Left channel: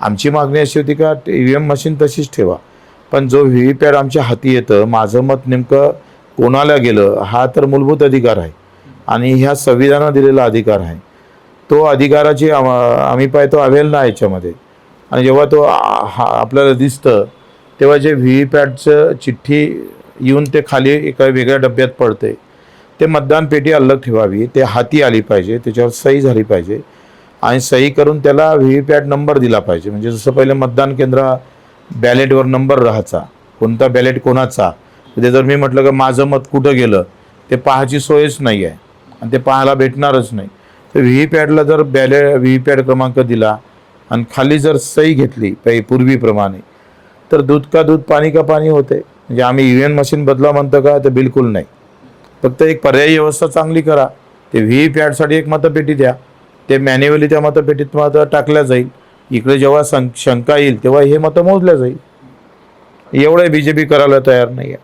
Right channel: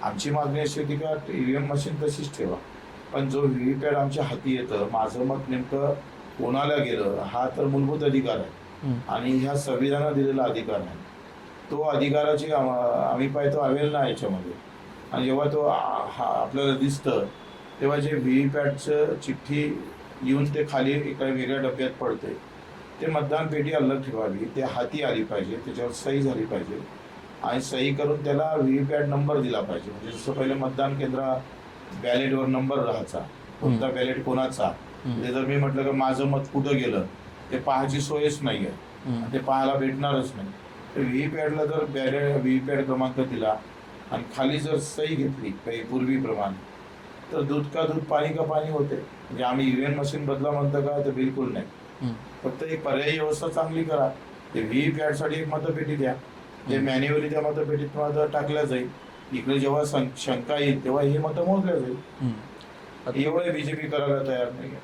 आमची मागणी अशी होती का EVM मशीन तशीच ठेवा, पण जो व्हीव्हीपॅट आमच्या हाती येतं, माझं मत नेमकं कोणाला गेलं हा तर मूलभूत अधिकार आहे आणि ह्या संविधानाने दिलेला अधिकार आहे. तो अधिकाराची आम्ही पाहतो अवहेलना याच्यामध्ये. आणि जेव्हा तो आपल्याला दिसतं तेव्हा जे व्हीव्हीपॅटचं चिठ्ठी येऊन ते खाली एका वेगळ्या डब्यात पडते, ते मतदान पेटी अलग ठेवावी, ते हाती आली पाहिजे, त्याच्यावर सही झाली पाहिजे आणि सही करून त्याला व्हीव्हीपॅट नंबर दिला पाहिजे. म्हणजे जसं पहिले मतदान केंद्र बॅलेटवर नंबर राहायचा, कोणता बॅलेट कोणाचा. ते जर मी म्हटलं की माझं मत कुठं गेलं ते पाहायची सोयच नाही आहे आणि ते पाहायला भेटणारच नाही. तर व्हीव्हीपॅटला जर व्हीव्हीपॅट क्रमांक दिला आणि खाली जर सही घेतली काही पूर्वीप्रमाणे, तर दूध का दूध पाणी का पाणी होते. म्हणजे आम्ही EVM मशीन बदला म्हणतो का, तर बिलकुल नाही. फक्त एक पर्यायी व्यवस्था चांगली करा. ते व्हीव्हीपॅटसाठी एक मतपेटी द्या, ते मॅन्युअली त्या मतपेटीत मत टाकल्या जाईल. इकडे जेव्हा शंका येईल तेव्हा हे मतं मोजल्या जाईल. एवढं BJP करायला तयार नाही आहे.